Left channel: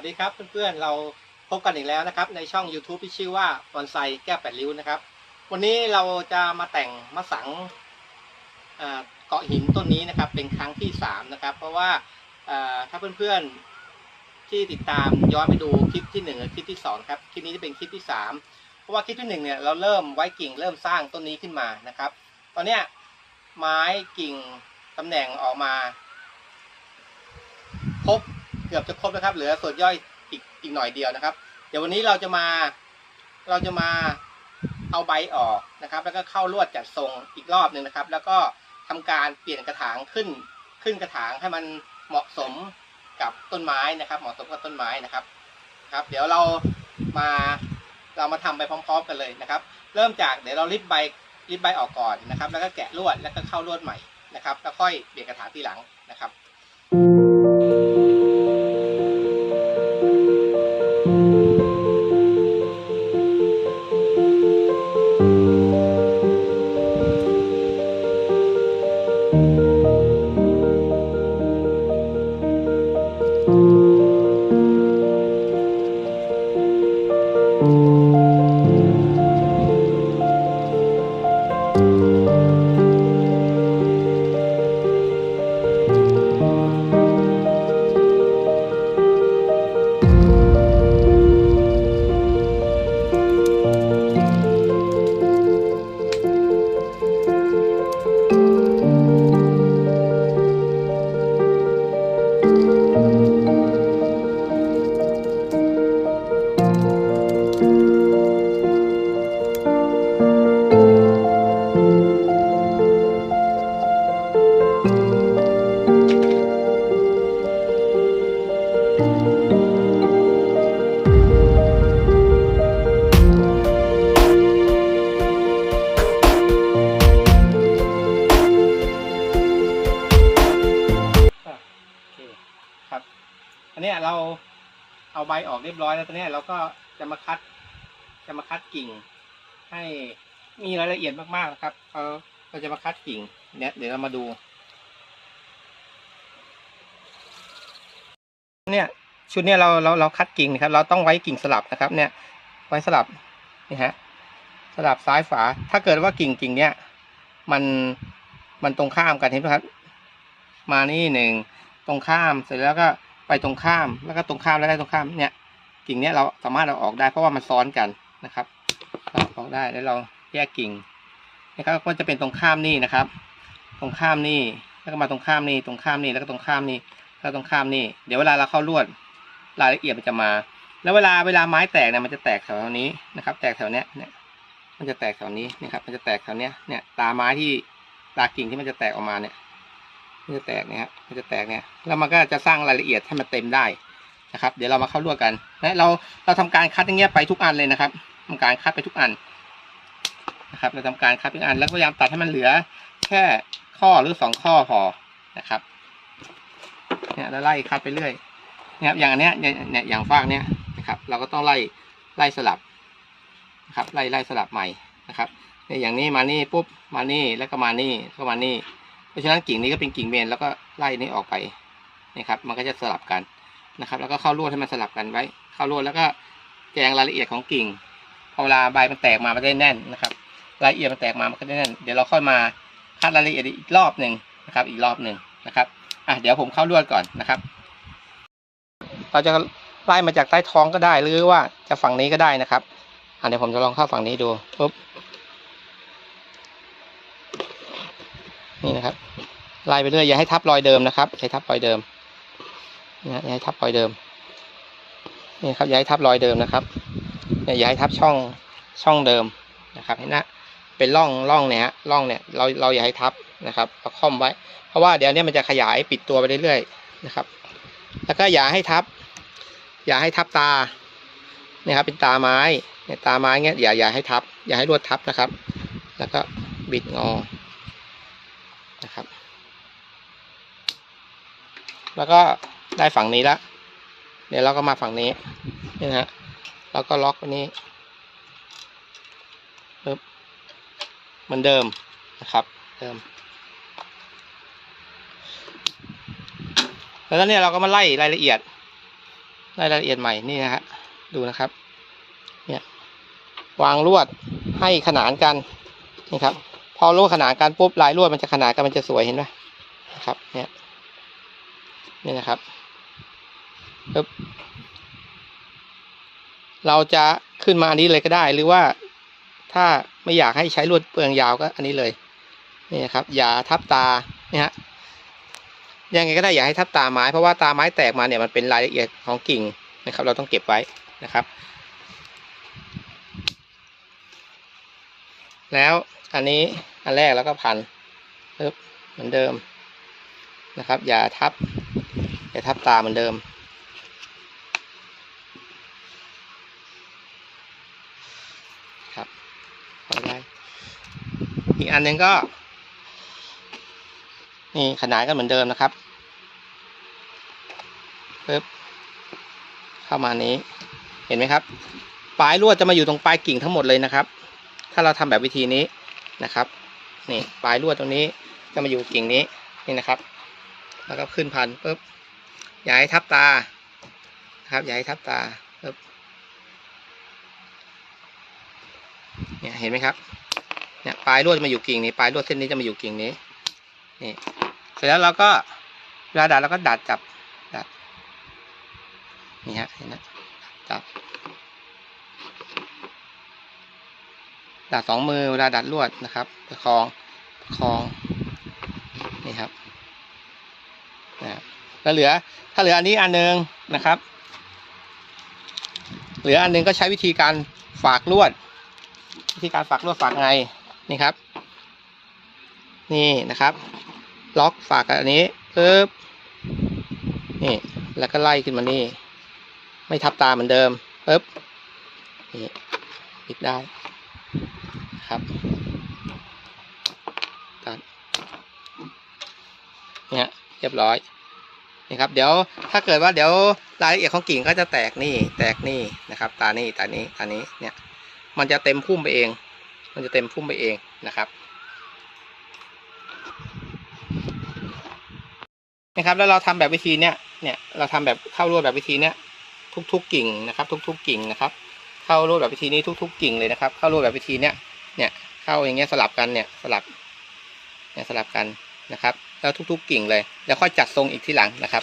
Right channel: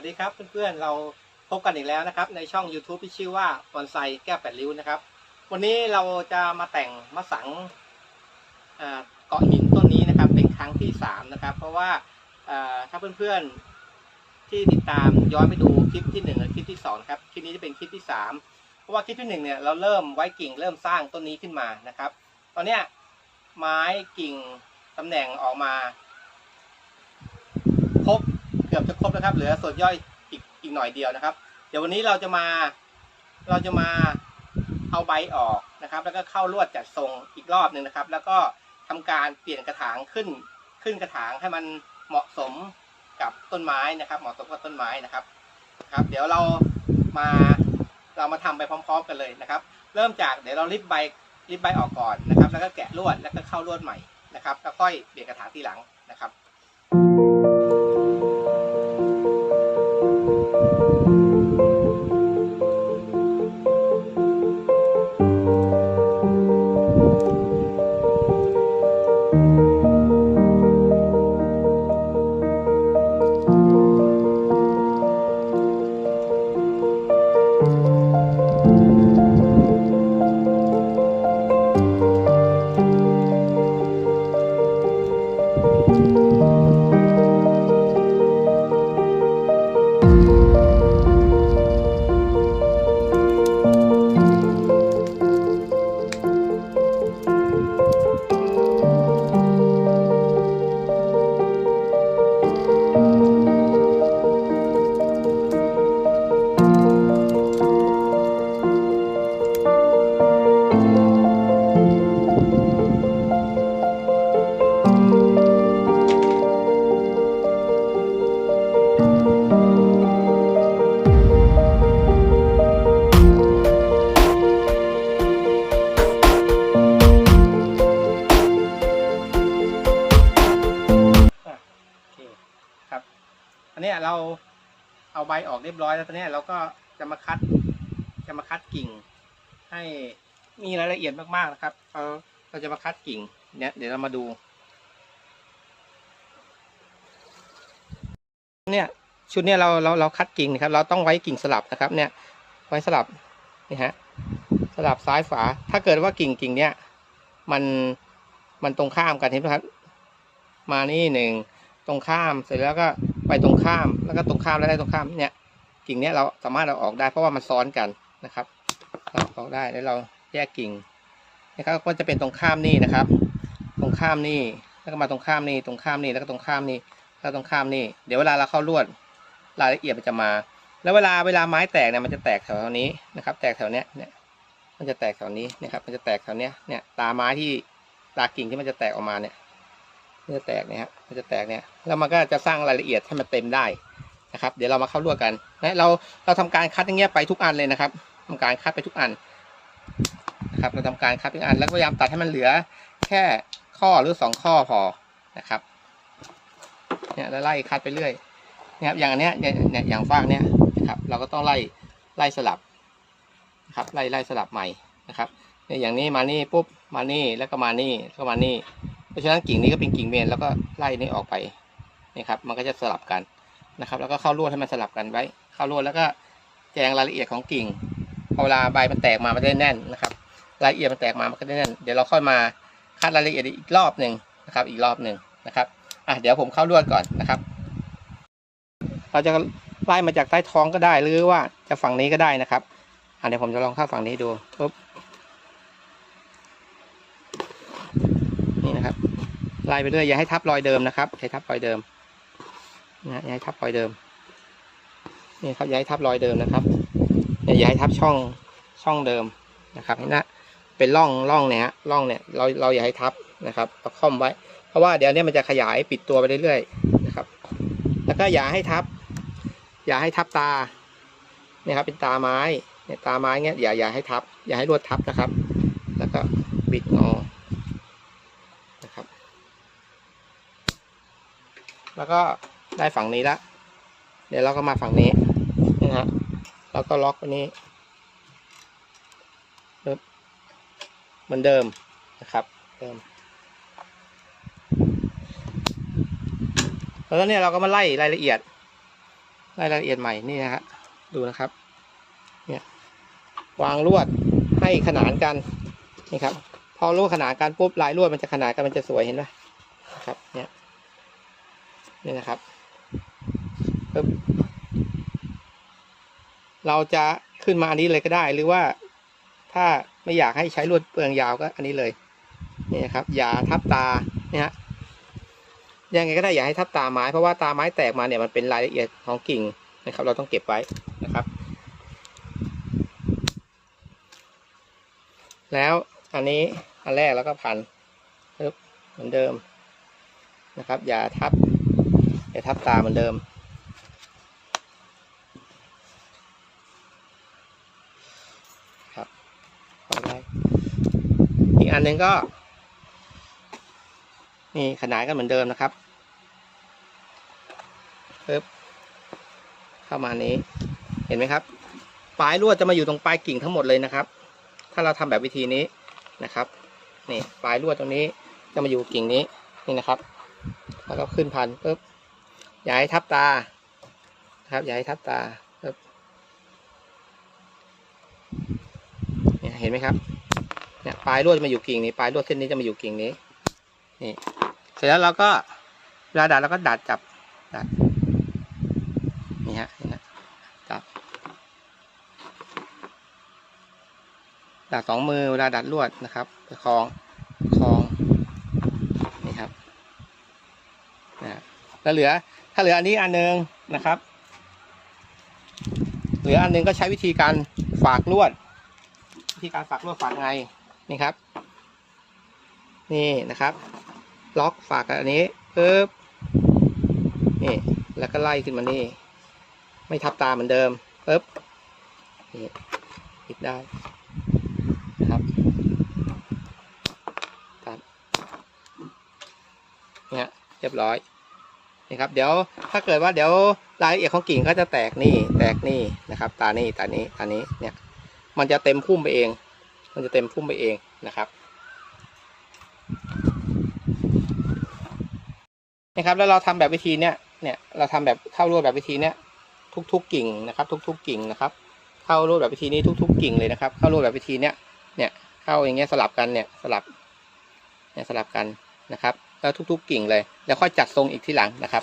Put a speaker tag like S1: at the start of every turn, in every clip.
S1: วัสดีครับเพื่อนๆเราพบกันอีกแล้วนะครับ ในช่อง YouTube ที่ชื่อว่าบอนไซแก้วแปดริ้วนะครับ วันนี้เราจะมาแต่งมะสังเกาะหินต้นนี้นะครับ เป็นครั้งที่สามนะครับ เพราะว่าถ้าเพื่อนๆที่ติดตามย้อนไปดูคลิปที่หนึ่งกับคลิปที่สองครับคลิปนี้จะเป็นคลิปที่สามเพราะว่าคลิปที่หนึ่งเนี่ยเราเริ่มไว้กิ่งเริ่มสร้างต้นนี้ขึ้นมานะครับ ตอนเนี้ยไม้กิ่งตำแหน่งออกมา เกือบจะครบแล้วครับ เหลือส่วนย่อยอีกอีกหน่อยเดียวนะครับ เดี๋ยววันนี้เราจะมาเราจะมาเอาใบออกนะครับ แล้วก็เข้าลวดจัดทรงอีกรอบหนึ่งนะครับ แล้วก็ทำการเปลี่ยนกระถางขึ้นขึ้นกระถางให้มันเหมาะสมกับต้นไม้นะครับ เหมาะสมกับต้นไม้นะครับครับ เดี๋ยวเรามาเรามาทำไปพร้อม ๆ กันเลยนะครับ เริ่มจากเดี๋ยวเราริบใบริบใบออกก่อนนะครับ แล้วก็แกะลวดแล้วก็เข้าลวดใหม่นะครับแล้วค่อยเปลี่ยนกระถางทีหลังนะครับ อะ นเนี้ยเราเอาใบออกเรียบร้อยแล้วตอนนี้เราก็จะมาคัดจะมาคัดกิ่ง ให้มีรายละเอียดมากๆนะครับเราเราจะมาคัดกิ่งเนี่ยเดี๋ยวเรามาดูเนี่ยชุดเนี้ยเราเราเราคัดกิ่งนะครับ เราต้องไว้กิ่งสลับนะครับ เนี่ย ไว้สลับนี่ฮะสลับซ้ายฝา ถ้าเกิดว่ากิ่งกิ่งเนี้ยมันมันตรงข้ามกันเห็นไหมครับ มานี่หนึ่งตรงข้ามเสร็จแล้วก็ ไปตรงข้ามแล้วก็ตรงข้ามแล้วได้ตรงข้ามเนี่ยกิ่งเนี้ยเราสามารถเราออกได้เพราะว่ามันซ้อนกันนะครับเราออกได้แล้วเราแยกกิ่งนะครับก็จะเป็นตรงข้ามนี่นะครับ ตรงข้ามนี่แล้วก็มาตรงข้ามนี่ตรงข้ามนี่แล้วก็ตรงข้ามนี่แล้วตรงข้ามนี่เดี๋ยวเวลาเราเข้าลวดรายละเอียดมันจะมา แล้วเวลาเวลาไม้แตกเนี่ยมันจะแตกแถวนี้นะครับ แตกแถวเนี้ยเนี่ยมันจะแตกแถวนี้นะครับ มันจะแตกแถวเนี้ยเนี่ยตาไม้ที่ตากิ่งที่มันจะแตกออกมาเนี่ย มันจะแตกเนี่ยมันจะแตกเนี่ยแล้วมันก็จะสร้างรายละเอียดให้มันเต็มได้นะครับ เดี๋ยวเรามาเข้าลวดกันนะเราเราทำการคัดอย่างเงี้ยไปทุกอันเลยนะครับทำการคัดไปทุกอันนะครับเราทำการคัดทุกอันแล้วพยายามตัดให้มันเหลือแค่ข้อหรือสองข้อพอนะครับเนี่ยแล้วไล่คัดไปเรื่อยนะครับอย่างอันเนี้ยเนี่ยเนี่ยอย่างฟากเนี้ยนะครับ เราก็ต้องไล่ไล่สลับนะครับไล่ไล่สลับใหม่นะครับเนี่ยอย่างนี้มานี่ปุ๊บมานี่แล้วก็มานี่ก็มานี่ เพราะฉะนั้นกิ่งนี้ก็เป็นกิ่งเมนแล้วก็ไล่นี้ออกไปนี่ครับ มันก็จะสลับกันนะครับ แล้วก็เข้าลวดให้มันสลับกันไว้ เข้าลวดแล้วก็แจงรายละเอียดของกิ่งพอเวลาใบมันแตกมามันได้แน่นนะครับ รายละเอียดมันแตกมามันก็ได้แน่น เดี๋ยวเราค่อยมาคัดรายละเอียดอีกรอบหนึ่งนะครับ อีกรอบหนึ่งนะครับอะเดี๋ยวผมเข้าลวดก่อนนะครับ เราจะไล่มาจากใต้ท้องก็ได้หรือว่าจะฝั่งนี้ก็ได้นะครับอะเดี๋ยวผมจะลองเข้าฝั่งนี้ดูปุ๊บนี่นะครับ ไล่ไปเรื่อยอย่าให้ทับรอยเดิมนะครับอย่าให้ทับรอยเดิมนะอย่าให้ทับรอยเดิมนี่ครับอย่าให้ทับรอยเดิมนะครับอย่าให้ทับช่องช่องเดิมนะครับนะเป็นร่องร่องเนี่ยร่องเนี่ยเราเราอย่าให้ทับนะครับเราค่อมไว้ เพราะว่าเดี๋ยวเนี้มันจะขยายปิดตัวไปเรื่อยๆนะครับ แล้วก็อย่าให้ทับ อย่าให้ทับตาเนี่ยครับเป็นตาไม้เนี่ยตาไม้เงี้ยอย่าอย่าให้ทับ อย่าให้ลวดทับนะครับ แล้วก็บิดงอ นะครับ แล้วก็ได้ฝั่งนี้ละ เดี๋ยวเราก็มาฝั่งนี้นี่นะฮะเราก็ล็อกตัวนี้ปึ๊บเหมือนเดิมนะครับ เดิม แล้วเนี่ยเราก็มาไล่รายละเอียดรายละเอียดใหม่นี่นะฮะดูนะครับ เนี่ยวางลวดให้ขนานกันนี่ครับ พอลวดขนานกันปุ๊บลายลวดมันจะขนานกันมันจะสวยเห็นไหมนะครับ เนี่ย นี่นะครับเราจะขึ้นมาอันนี้เลยก็ได้ หรือว่าถ้าไม่อยากให้ใช้ลวดเปลืองยาวก็อันนี้เลยนี่นะครับ อย่าทับตาเนี่ยฮะยังไงก็ได้อย่าให้ทับตาไม้เพราะว่าตาไม้แตกมาเนี่ยมันเป็นรายละเอียดของกิ่งนะครับ เราต้องเก็บไว้นะครับ แล้วอันนี้อันแรกแล้วก็พันเหมือนเดิมนะครับ อย่าทับ อย่าทับตาเหมือนเดิม ครับพอได้อีกอันหนึ่งก็ นี่ขนานกันเหมือนเดิมนะครับปึ๊บเข้ามานี้ เห็นไหมครับ ปลายลวดจะมาอยู่ตรงปลายกิ่งทั้งหมดเลยนะครับ ถ้าเราทำแบบวิธีนี้นะครับ นี่ปลายลวดตรงนี้จะมาอยู่กิ่งนี้ นี่นะครับ แล้วก็ขึ้นพันปุ๊บ อย่าให้ทับตาครับอย่าให้ทับตาเนี่ยเห็นไหมครับเนี่ยปลายลวดจะมาอยู่กิ่งนี้ปลายลวดเส้นนี้จะมาอยู่กิ่งนี้นี่เสร็จแล้วเราก็เวลาดัดเราก็ดัดจับดัดนี่ฮะนี่ฮะจับดัดสองมือเวลาดัดลวดนะครับประคองประคองนี่ครับนะ แล้วเหลือ ถ้าเหลืออันนี้อันหนึงนะครับ เหลืออันหนึงก็ใช้วิธีการฝากลวด วิธีการฝากลวดฝากไงนี่ครับ นี่นะครับ ล็อกฝากอันนี้ปึ๊บนี่แล้วก็ไล่ขึ้นมานี่ ไม่ทับตาเหมือนเดิมปึ๊บนี่ปิดได้ครับตัดเนี่ยเรียบร้อย นี่ครับ เดี๋ยวถ้าเกิดว่าเดี๋ยวรายละเอียดของกิ่งก็จะแตกนี่แตกนี่นะครับ ตานี่ตานี้ตานี้เนี่ย มันจะเต็มพุ่มไปเอง มันจะเต็มพุ่มไปเองนะครับนะครับ แล้วเราทำแบบวิธีเนี้ยเนี่ยเราทำแบบเข้าร่วแบบวิธีเนี้ยทุก ๆ กิ่งนะครับ ทุก ๆ กิ่งนะครับ เข้าร่วแบบวิธีนี้ทุก ๆ กิ่งเลยนะครับ เข้าร่วแบบวิธีเนี้ยเนี่ยเข้าอย่างเงี้ยสลับกันเนี่ยสลับเนี่ยสลับกันนะครับ แล้วทุก ๆ กิ่งเลย แล้วค่อยจัดทรงอีกทีหลังนะครับ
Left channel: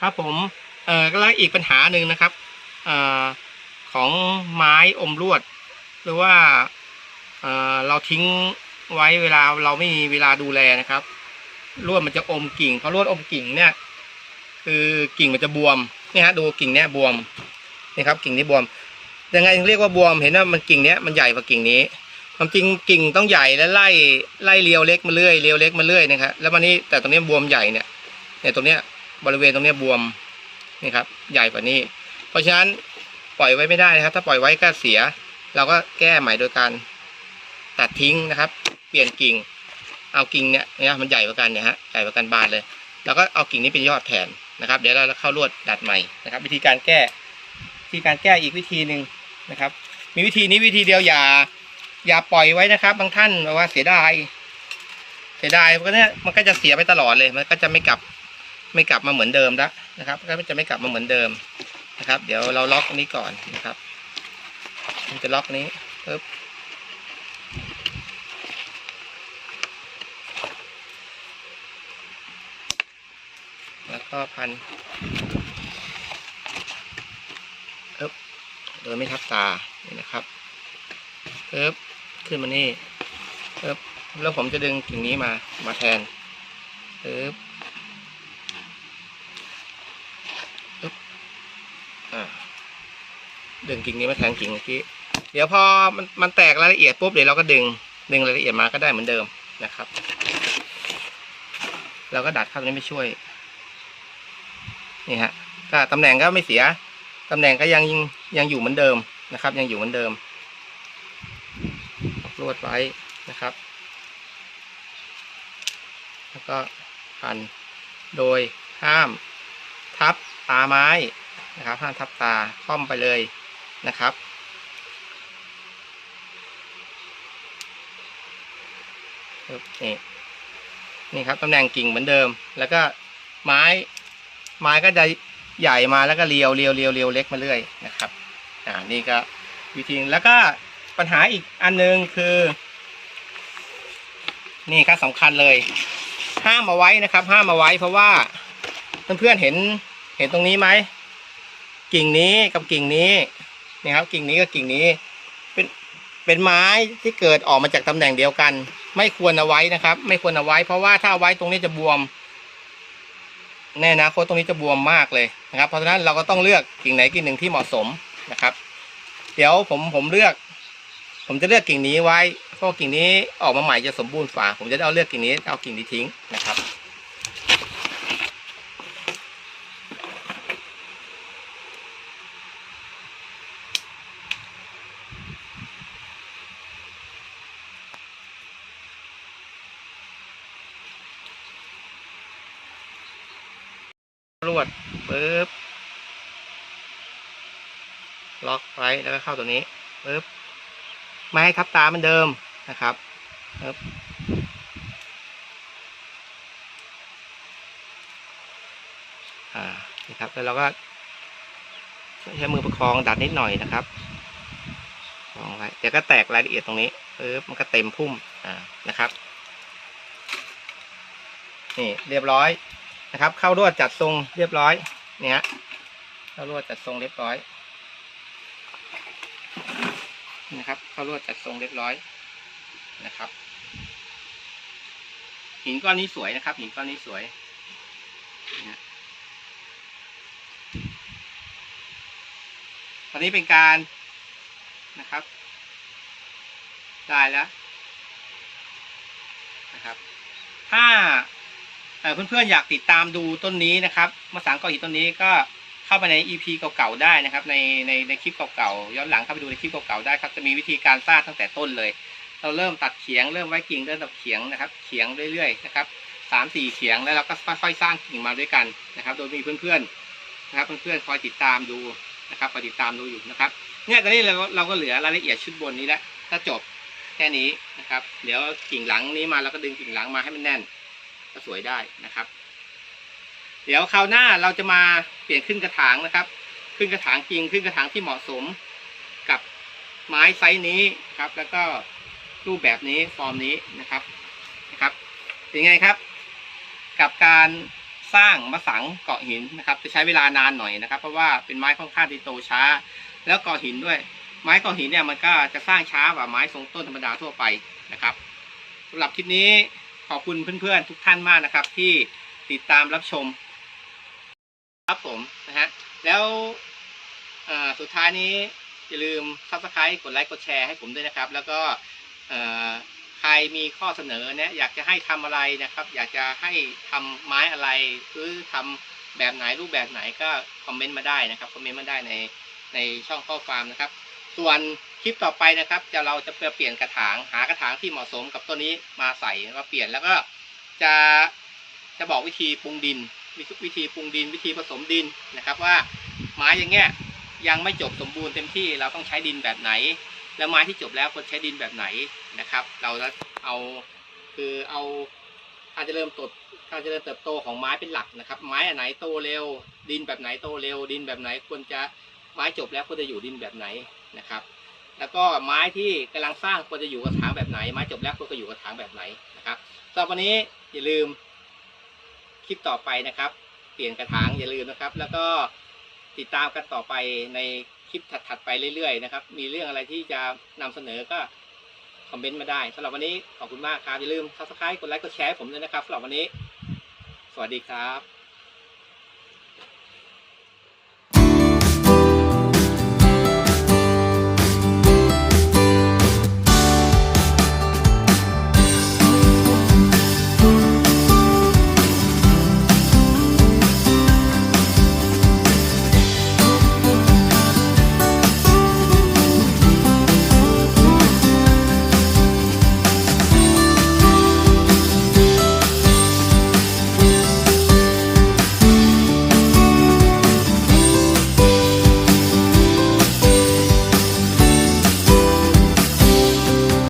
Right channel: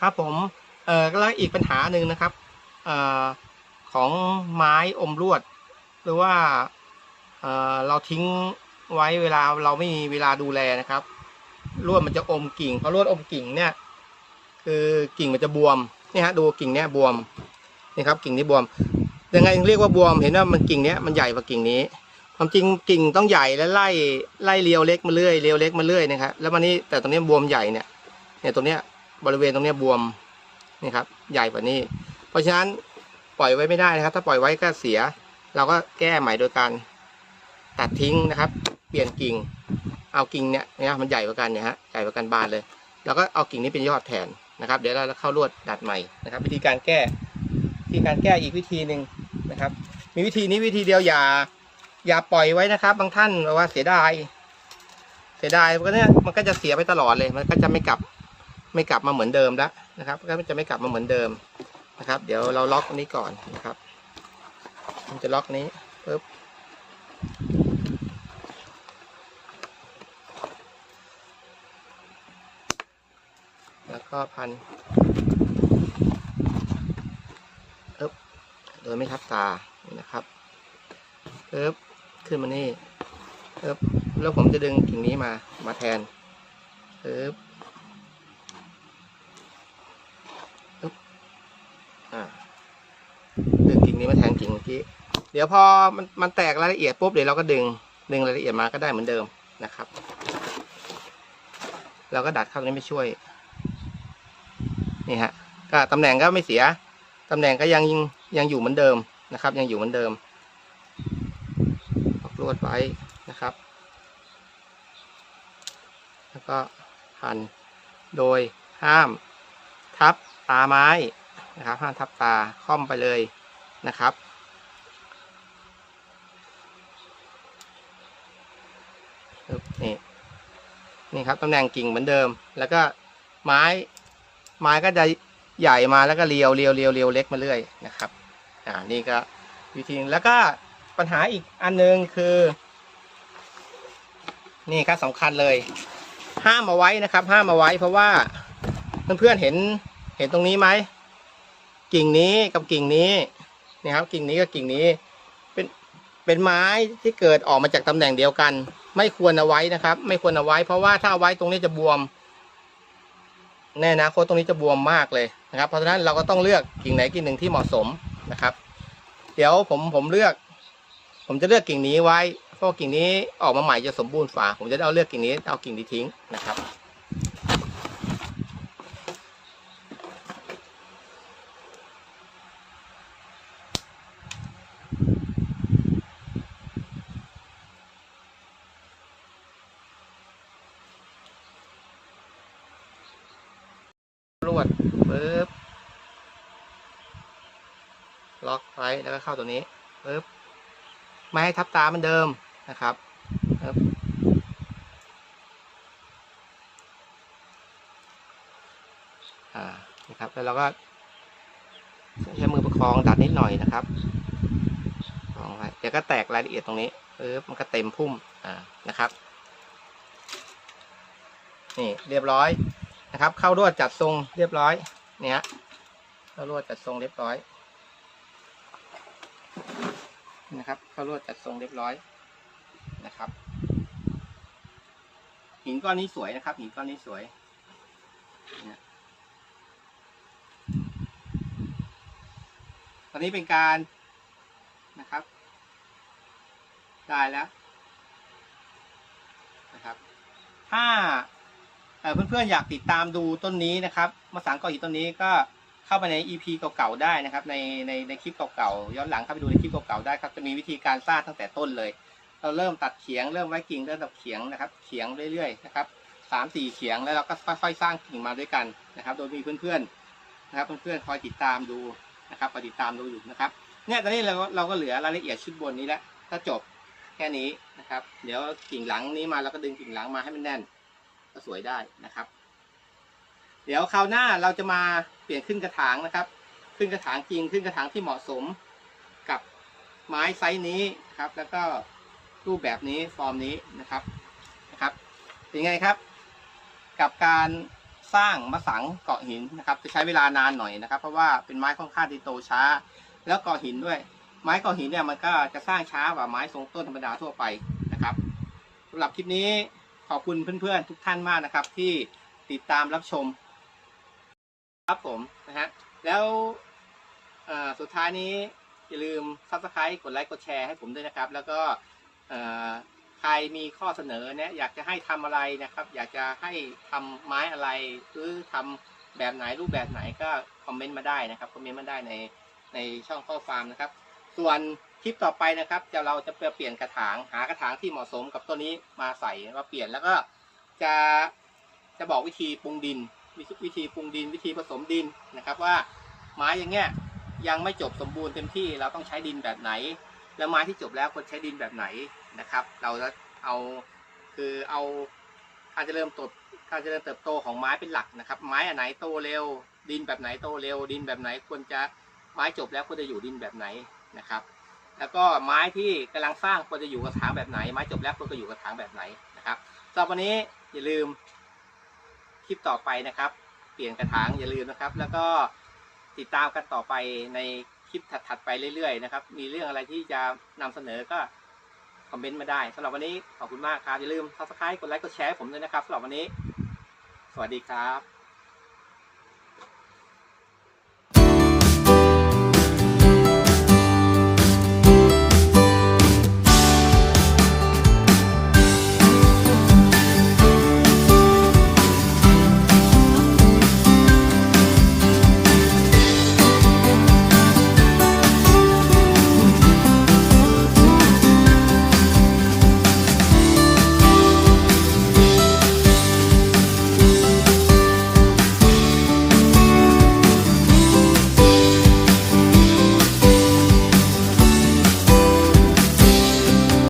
S1: ครับผมเอ่อแล้วอีกปัญหาหนึ่งนะครับเอ่อของไม้อมลวด หรือว่าเอ่อเราทิ้งไว้เวลาเราไม่มีเวลาดูแลนะครับลวดมันจะอมกิ่งเพราะลวดอมกิ่งเนี่ย คือกิ่งมันจะบวมนี่ฮะดูกิ่งเนี้ยบวมนี่ครับ กิ่งนี้บวมยังไงเรียกว่าบวมเห็นว่ามันกิ่งเนี้ยมันใหญ่กว่ากิ่งนี้ ความจริงกิ่งต้องใหญ่และไล่ไล่เรียวเล็กมาเรื่อยเรียวเล็กมาเรื่อยนะครับแล้วมันนี่แต่ตรงนี้บวมใหญ่เนี่ยเนี่ยตรงเนี้ยบริเวณตรงเนี้ยบวมนี่ครับ ใหญ่กว่านี้ เพราะฉะนั้นปล่อยไว้ไม่ได้นะครับ ถ้าปล่อยไว้ก็เสีย เราก็แก้ใหม่โดยการตัดทิ้งนะครับ เปลี่ยนกิ่ง เอากิ่งเนี่ยเนี่ยมันใหญ่กว่ากันเนี่ยฮะใหญ่กว่ากันบานเลยแล้วก็เอากิ่งนี้เป็นยอดแทนนะครับ เดี๋ยวเราเข้าลวดดัดใหม่นะครับ วิธีการแก้วิธีการแก้อีกวิธีหนึ่งนะครับ มีวิธีนี้วิธีเดียวอย่า อย่าปล่อยไว้นะครับ บางท่านแบบว่าเสียดาย เสียดายเพราะเนี้ยมันก็จะเสียไปตลอดเลย มันก็จะไม่กลับ ไม่กลับมาเหมือนเดิมแล้วนะครับ ก็จะไม่กลับมาเหมือนเดิมนะครับ เดี๋ยวเราล็อกอันนี้ก่อนนะครับมันจะล็อกนี้ปึ๊บแล้วก็พันโดยไม่ทับตานี่นะครับปึ๊บ ขึ้นมานี่ปึ๊บแล้วผมจะดึงกิ่งนี้มามาแทนปึ๊บปึ๊บอ่าดึงกิ่งนี้มาแทนกิ่งเมื่อกี้เดี๋ยวพอมันมันแตกรายละเอียดปุ๊บเดี๋ยวเราก็ดึง ดึงรายละเอียดมาก็ได้เหมือนเดิมนะครับ เราก็ดัดข้างนี้ไม่ช่วย นี่ฮะก็ตำแหน่งก็ไม่เสียตำแหน่งก็ยังยังอยู่เหมือนเดิมนะครับ ยังอยู่เหมือนเดิม ลวดไว้นะครับ แล้วก็พันโดยห้ามทับตาไม้นะครับ ห้ามทับตาค่อมไปเลยนะครับปึ๊บนี่นี่ครับตำแหน่งกิ่งเหมือนเดิม แล้วก็ไม้ ไม้ก็จะใหญ่มาแล้วก็เรียวเรียวเรียวเรียวเล็กมาเรื่อยนะครับ อ่า นี่ก็วิธีแล้วก็ ปัญหาอีกอันหนึงคือ นี่ครับสำคัญเลย ห้ามเอาไว้นะครับ ห้ามเอาไว้เพราะว่าเพื่อนๆเห็นเห็นตรงนี้ไหมกิ่งนี้กับกิ่งนี้นี่ครับ กิ่งนี้กับกิ่งนี้ เป็นเป็นไม้ที่เกิดออกมาจากตำแหน่งเดียวกัน ไม่ควรเอาไว้นะครับ ไม่ควรเอาไว้ เพราะว่าถ้าเอาไว้ตรงนี้จะบวมแน่นะโคตตรงนี้จะบวมมากเลยนะครับ เพราะฉะนั้นเราก็ต้องเลือกกิ่งไหนกิ่งหนึ่งที่เหมาะสมนะครับ เดี๋ยวผมผมเลือก ผมจะเลือกกิ่งนี้ไว้ เพราะกิ่งนี้ออกมาใหม่จะสมบูรณ์ฝาผมจะเอาเลือกกิ่งนี้เอากิ่งนี้ทิ้งนะครับ รวดปึ๊บ ล็อกไว้แล้วก็เข้าตัวนี้ปึ๊บ ไม่ให้ทับตาเหมือนเดิมนะครับปึ๊บอ่านี่ครับแล้วเราก็ใช้มือประคองดัดนิดหน่อยนะครับประคองไว้เดี๋ยวก็แตกรายละเอียดตรงนี้ปึ๊บมันก็เต็มพุ่มอ่านะครับนี่เรียบร้อยนะครับ เข้ารวดจัดทรงเรียบร้อยเนี่ยเข้ารวดจัดทรงเรียบร้อย นะครับ เข้ารวดจัดทรงเรียบร้อยนะครับ หินก้อนนี้สวยนะครับ หินก้อนนี้สวยเนี่ยตอนนี้เป็นการนะครับ ได้แล้วนะครับ ถ้าเเพื่อนๆอยากติดตามดูต้นนี้นะครับมะสังเกาหินต้นนี้ก็ เข้าไปใน EP เก่าๆได้นะครับ ในในในคลิปเก่าๆย้อนหลังเข้าไปดูในคลิปเก่าๆได้ครับจะมีวิธีการสร้างตั้งแต่ต้นเลย เราเริ่มตัดเขียงเริ่มไว้กิ่งเริ่มตัดเขียงนะครับ เขียงเรื่อยๆนะครับสามสี่เขียงแล้วเราก็ค่อยๆสร้างกิ่งมาด้วยกันนะครับ โดยมีเพื่อนๆนะครับเพื่อนๆคอยติดตามดูนะครับคอยติดตามดูอยู่นะครับเนี่ยตอนนี้เราก็เราก็เหลือรายละเอียดชุดบนนี้แล้วถ้าจบแค่นี้นะครับ เดี๋ยวกิ่งหลังนี้มาเราก็ดึงกิ่งหลังมาให้มันแน่น ก็สวยได้นะครับ ดี๋ยวคราวหน้าเราจะมาเปลี่ยนขึ้นกระถางนะครับ ขึ้นกระถางจริงขึ้นกระถางที่เหมาะสมกับไม้ไซส์นี้ครับ แล้วก็รูปแบบนี้ฟอร์มนี้นะครับนะครับเป็นไงครับ กับการสร้างมะสังเกาะหินนะครับ จะใช้เวลานานหน่อยนะครับ เพราะว่าเป็นไม้ค่อนข้างที่โตช้า แล้วเกาะหินด้วย ไม้เกาะหินเนี่ยมันก็จะสร้างช้ากว่าไม้ทรงต้นธรรมดาทั่วไปนะครับสำหรับคลิปนี้ขอบคุณเพื่อนๆทุกท่านมากนะครับ ที่ติดตามรับชม ครับผมนะฮะแล้วสุดท้ายนี้อย่าลืม subscribe กดไลค์กดแชร์ให้ผมด้วยนะครับ แล้วก็ใครมีข้อเสนอเนี่ยอยากจะให้ทำอะไรนะครับ อยากจะให้ทำไม้อะไรหรือทำแบบไหนรูปแบบไหนก็คอมเมนต์มาได้นะครับคอมเมนต์มาได้ในในช่องข้อความนะครับ ส่วนคลิปต่อไปนะครับจะเราจะเปลี่ยนกระถางหากระถางที่เหมาะสมกับต้นนี้มาใส่มาเปลี่ยนแล้วก็จะจะบอกวิธีปรุงดิน วิธีวิธีปรุงดินวิธีผสมดินนะครับว่าไม้อย่างเงี้ยยังไม่จบสมบูรณ์เต็มที่เราต้องใช้ดินแบบไหน แล้วไม้ที่จบแล้วควรใช้ดินแบบไหนนะครับ เราจะเอาคือเอาการจะเริญเติบการเจริญเติบโตของไม้เป็นหลักนะครับ ไม้อันไหนโตเร็ว ดินแบบไหนโตเร็ว ดินแบบไหนควรจะไม้จบแล้วควรจะอยู่ดินแบบไหนนะครับ แล้วก็ไม้ที่กำลังสร้างควรจะอยู่กระถางแบบไหน ไม้จบแล้วควรจะอยู่กระถางแบบไหนนะครับสำหรับวันนี้อย่าลืม ลิปต่อไปนะครับ เปลี่ยนกระถางอย่าลืมนะครับ แล้วก็ติดตามกันต่อไปในคลิปถัดๆไปเรื่อยๆนะครับ มีเรื่องอะไรที่จะนำเสนอก็คอมเมนต์มาได้สำหรับวันนี้ขอบคุณมากครับ อย่าลืมทักทายกดไลค์กดแชร์ผมด้วยนะครับสำหรับวันนี้ สวัสดีครับ